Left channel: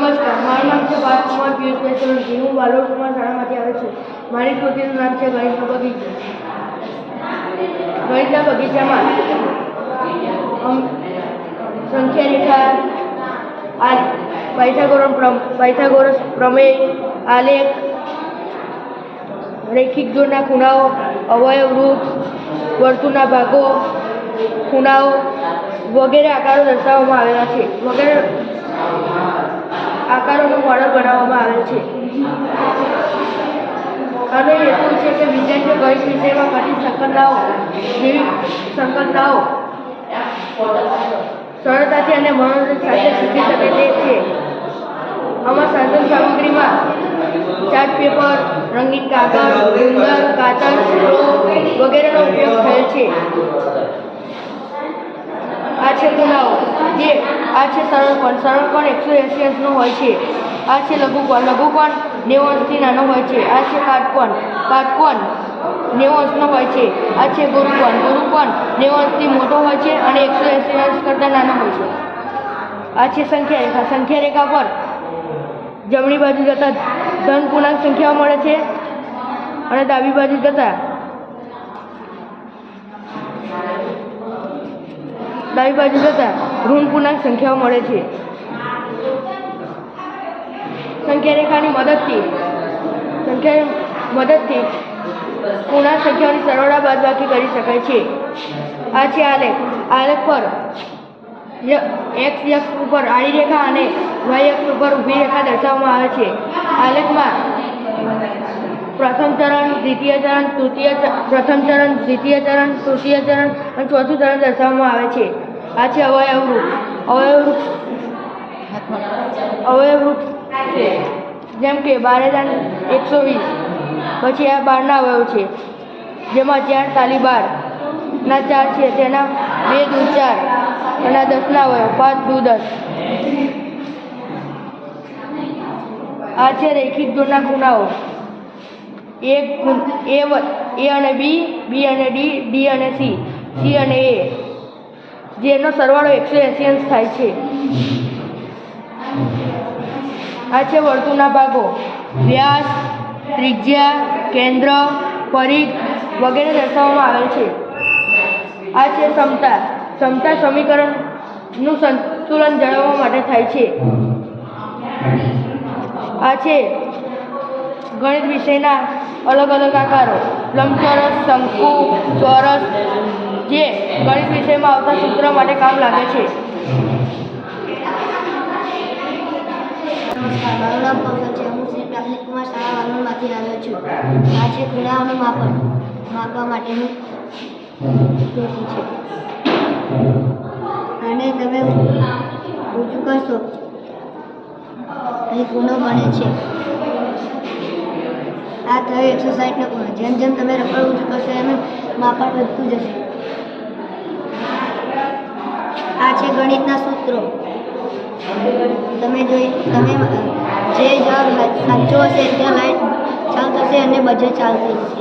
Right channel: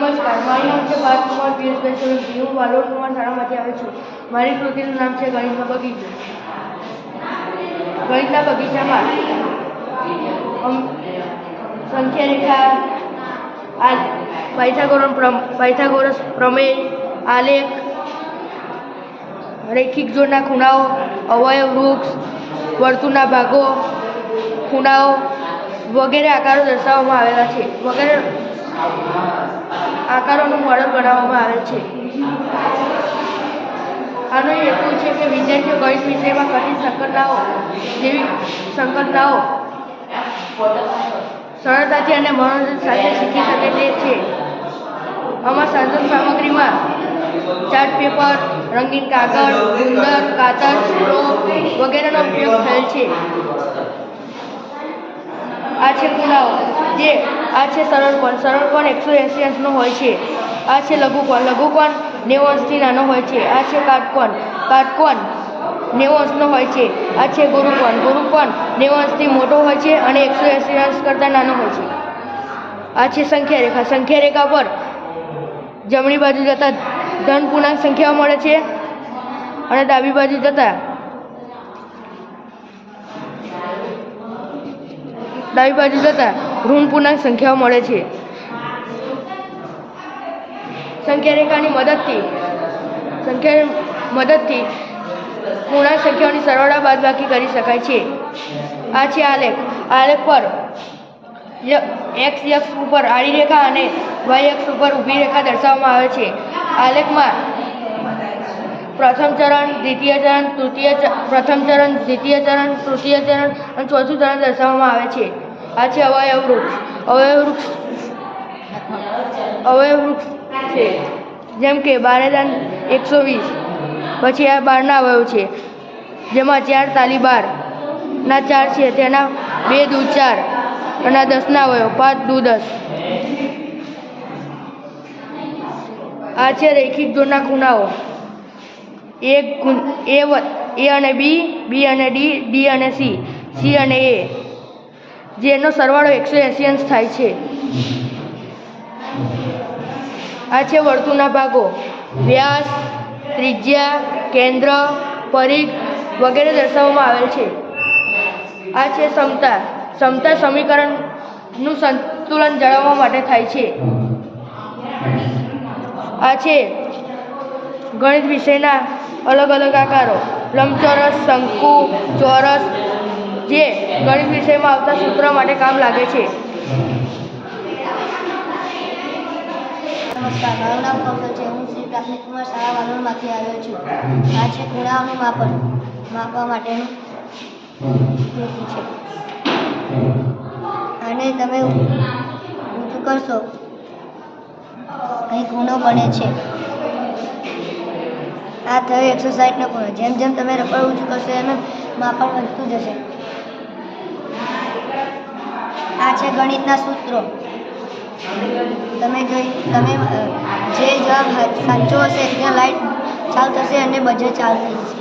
નમસ્કાર, મારું નામ છે પાર્થકુમાર પિયુષભાઈ સોલંકી. હું વાલોડમાં શાળામાંથી આવ્યો છું. મારી કૃતિનું નામ છે ગણિતનો બગીચો. ગણિતના બગીચામાં સંખ્યા રેખા, પાયથાગોરસ પ્રમેય, આલેખ, રૈખિક જોડના ખૂણાઓ, અવયવ વૃક્ષ, વર્તુળના ભાગો, ખૂણાઓ વગેરે આકારો દર્શાવવામાં આવેલા છે. વગેરે આકારોનું મોડલ બનાવવામાં આવે છે. આનો હેતુ છે કે વિદ્યાર્થીઓ ગણિત વિષયમાં કઠિન સંકલ્પનાઓ સરળતાથી અને મનોરંજન સાથે શીખી શકે તે છે. આમાં સાધન સામગ્રીમાં ચાર્ટ પેપર, રંગીન કાગળ, ગુંદર, કાતર, વગેરેનો ઉપયોગ થયેલ છે. આ છે ખૂણાઓ, આ છે સરળકોણ. સરળકોણ 180 અંશનો હોય છે. આ છે લઘુકોણ. લઘુકોણ 90 અંશથી નાનો હોય છે. આ છે કાટકોણ. કાટકોણ 90 અંશનો હોય છે. આ છે ગુરુકોણ. ગુરુકોણ 90 અંશથી મોટો હોય છે અને 180 અંશ કરતાં નાનો હોય છે. આ છે સંખ્યા રેખા. સંખ્યા રેખા પર જમણી બાજુ જતા ધન પૂર્ણાંક સંખ્યાઓ મળે છે અને ડાબી બાજુ જતા ઋણ પૂર્ણાંક સંખ્યાઓ મળે છે. સંખ્યા રેખાની મદદથી પૂર્ણાંક સંખ્યાઓની સરવાળા બાદબાકી કરી શકાય છે. આ છે આલેખ. આલેખ પર x અક્ષ ઉપર આડી રેખા અને y અક્ષ ઉપર ઊભી રેખા દર્શાવવામાં આવે છે. આલેખમાં પ્રથમ ચરણ, દ્વિતીય ચરણ, પ્રથમ ચરણ, દ્વિતીય ચરણ, તૃતીય ચરણ અને ચોથું ચરણ દર્શાવવામાં આવે છે. આ છે અવયવ વૃક્ષ. અવયવ વૃક્ષ છે જેમ કે 12 પછી આ 12ના અવયવ છે જેમાં 4 તાલી 12 ના 4 છે, તેના 2 દૂ 4 અને 10ના અવયવ 5 દૂ 10. આ છે રૈખિક જોડના ખૂણાઓ A અને B, B અને D, D અને C, C અને A, જેનો સરવાળો 180 અંશ થાય છે. આ છે વર્તુળના ભાગો. વ્યાસ, ત્રિજ્યા, કેન્દ્ર, પરિઘ વગેરે દર્શાવવામાં આવેલ છે. આ છે સમતા. સમતા સમીકરણનું સંતુલન જાળવવા માટે થાય છે. આ છે ગણિત વિષયના અલગ અલગ આકારો. લંબચોરસ, શંકુ, ચોરસ, જે ગણિત વિષયમાં આવતા સૂત્ર માટે કામ લાગે છે. નમસ્કાર, મારું નામ કૌશલ છે. હું શ્રી પ્રાથમિક કુમાર શાળા વાલોડમાંથી આવ્યો છું. આ છે ખૂણાઓનું માપન. માપવા માટેનું પેટી છે. અને તમે ઊંચું કરશો અહીં ખૂણો બને છે. આ થયો 160નો ખૂણો. જેમ જેમ તમે રબર ઊંચું કરશો એમ માપન વધતું જશે. આ છે ગણિતના સૂત્રો. તમે જે જવાબ સાચો હશે ત્યાં લાઈટ ચાલુ થશે અને બજેટ ચાલતી જશે.